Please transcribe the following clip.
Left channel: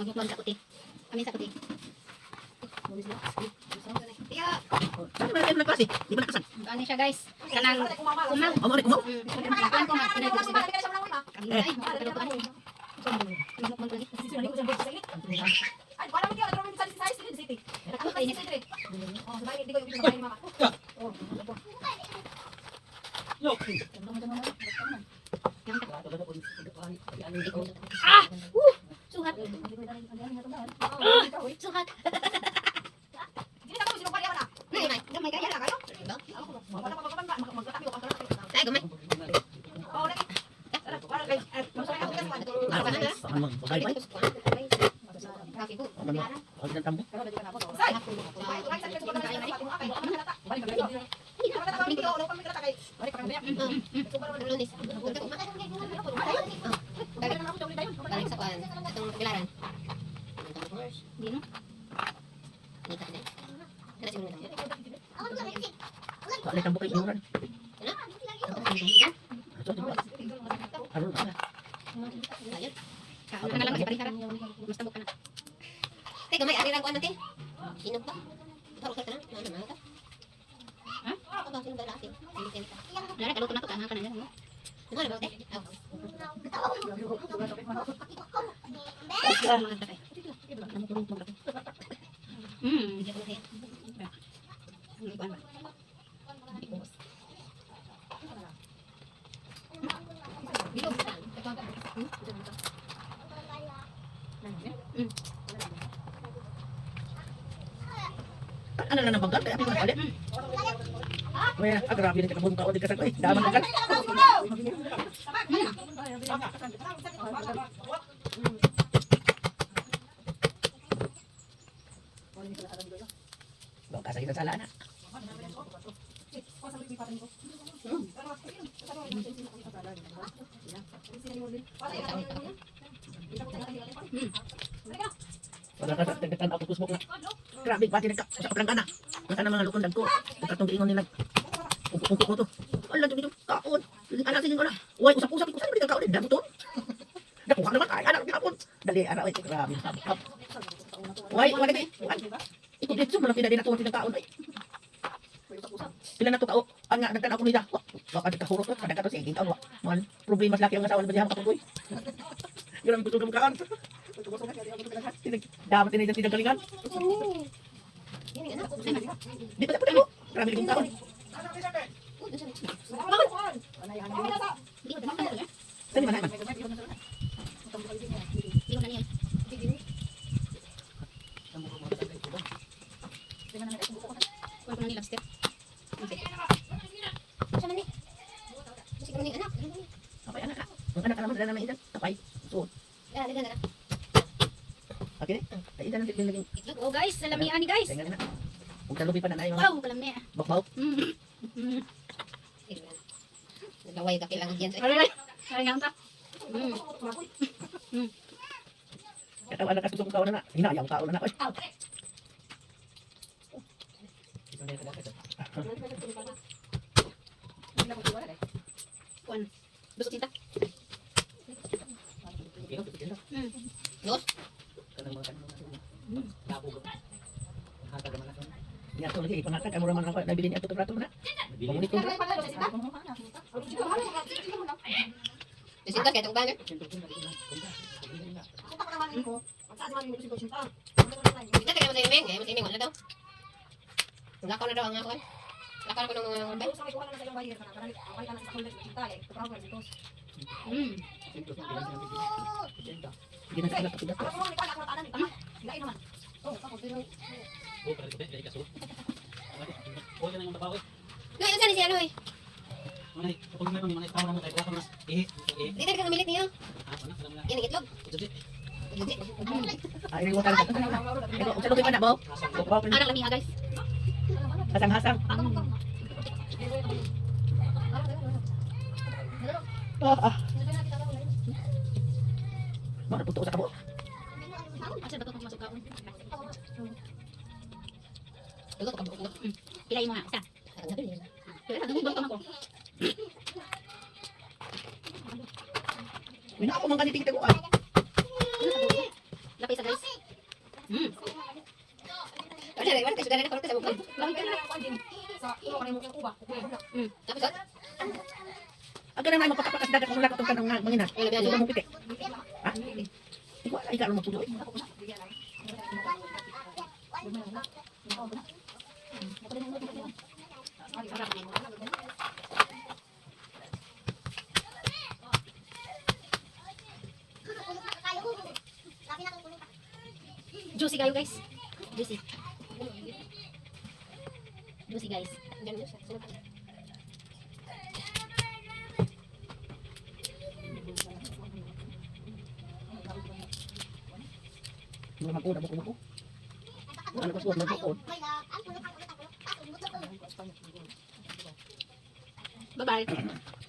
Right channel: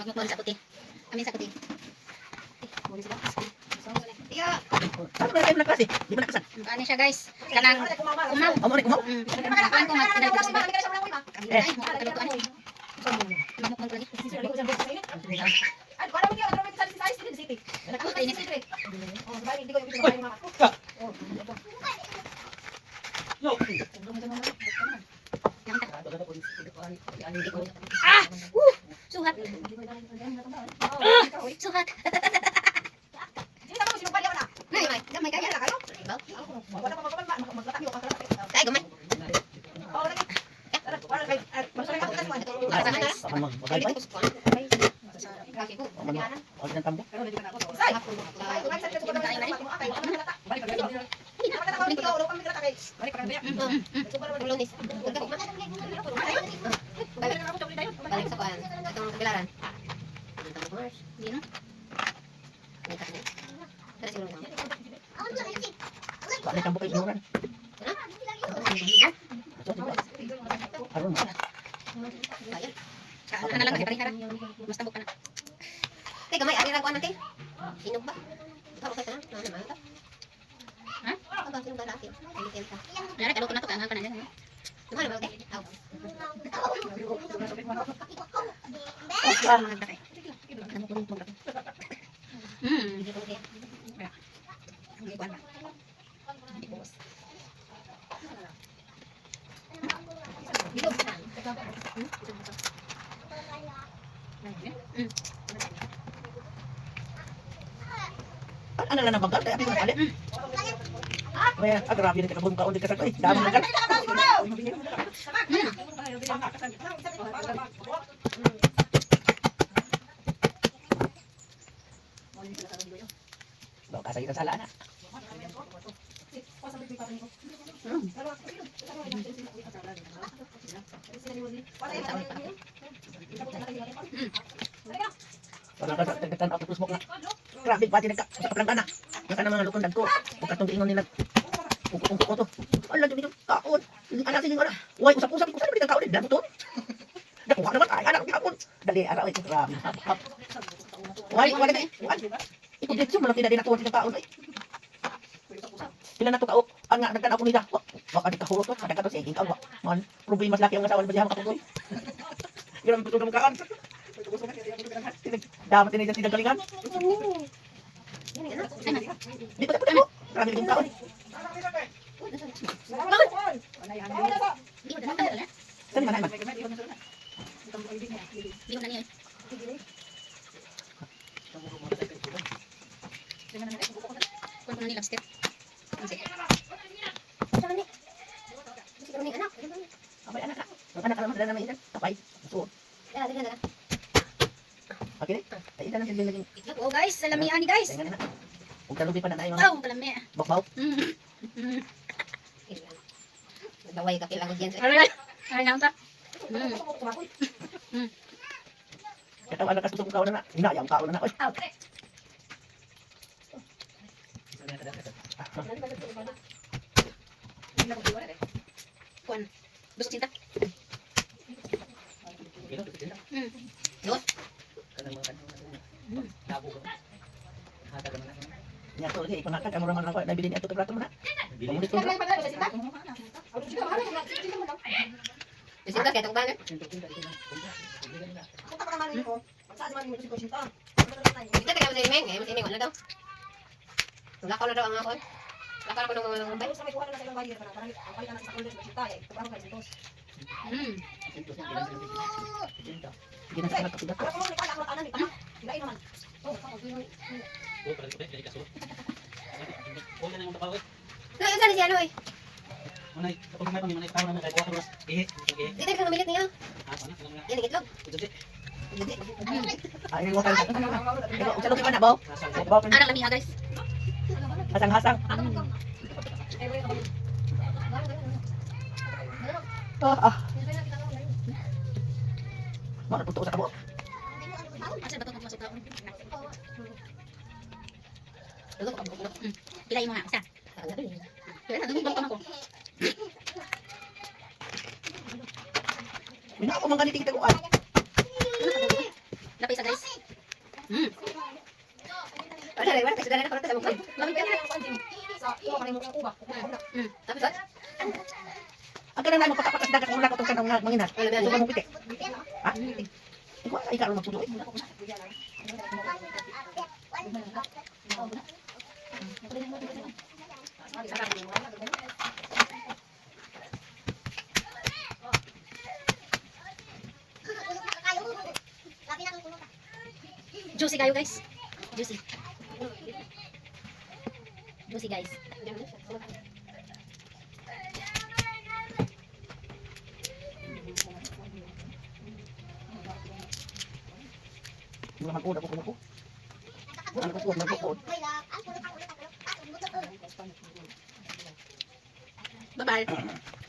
Magkukuha sa kuti. Kami sa kuti. Ano ba kayo nagklase? Di ba nagkasan? Ano siya guys? Kanang umaw. Amo rin, umaw? Kuan ko mag-inay ko siya. Kami ay mo kalutuan. Mamok man lagi. Ah! Suhat. Suhat. Nay, may, gamay kaya kayo. Kaya gamay. Huwag ng tambo. Balik sa kuan. Itong pilaran. Di no? Tara siguro lang. Balik ng tambo kayo sinuran. Ano mo? Ayun. Ano na lang kasi parihara. Mas tambok ka na. Teka, may arirang kuan natin. Hinog ba? Baka kay ka na. Ano naman ito? Ha? Aba, sino ba laki? Nara, kaluto na to. Kanang ka na yan. Ano naman ito? Aw. Ano lang nabagal? Kaya ako nakalit. May grabe din kakabong tao. Di kasag. Ay, dami na kan. Bawa kasay kita salah na. Wala ka sa tagdatan ako tusmok na. Grabe pati nagkaplang ka na. Yung ka naman lukon dagto. Pagkatong diingon nila. Ungkot ko to. Ala dumi dum kaon. Yung anak sige wala. Uy usap-usap ko sa bitang kaon din damuton. Nakuha naman ay anak kapon. Dali ara ay grabe. Uy wala na. Ito dito mo lang pinadi na tuwa kaon ay. Pila na to kao. Ang nagtan ako nila. Baka di ka hurot to. Kada ka to sige kaon. Man problema laki ang asawa ba diha makatuloy. Ganun tutulong mo kaan. Dapat din dyan galingan. Di ba tayo? Marami kong taon. Saan man naman? Di ko na niya. Kung ko na ni lobster. Sama ni. Bisik ko ni anak. Ang anak naman, dala naman itan. Tapay. So, Dali na. okay na. Itan ang tigil naging. Itlog. Oh guys, salamihan ni guys. Huwag ka lupi pa na tayo. Wow, kalami. Bok-bok. Gaway ka kailangan diyan. Ay nga ta. Katawa na kasusok kaon na. Hinayang kaon na. Kuan. Gusto cinta. Yun. Nya to lagi pangakad amo raman ako nabili niya to plato na. Bili ko. Cinta kaya tong banner. Ito kaya sa imeng, mas ini wala daw. Lakaw na daw ang ako. Lakaw na ko ng mga bay. Hindi na sana pakidat. Ngayon saan si ano eh? Manay, kapag may pamilya, manay, tawag naman tayo, bukas mas, Dito ka namilit niyo. Yan ang itlog. Ay, mo kan. Sa lupi pa na baw. Baw. Anak lami guys. Hasang-hasang. Ah. Mana putok sa kabo. Asa ba to masuk ka? Dugok ka dugok. Pilay mo nga isa. Dugok ka mo. Mina ako man ganiti kita ko ay. Lapay sa guys. Wala rin, sudah na korte sa mukha. Tapos, Ang kanang naman magpatapakas dagat ang ulat atong kanang mga mangina. wala ba So yan? mo piti. Ha? Ikaw ay karon magtudo. Juicy kayo guys. Juicy. Juicy guys. Mga magod ako ko. Ano ka suwag magod. Bye-bye.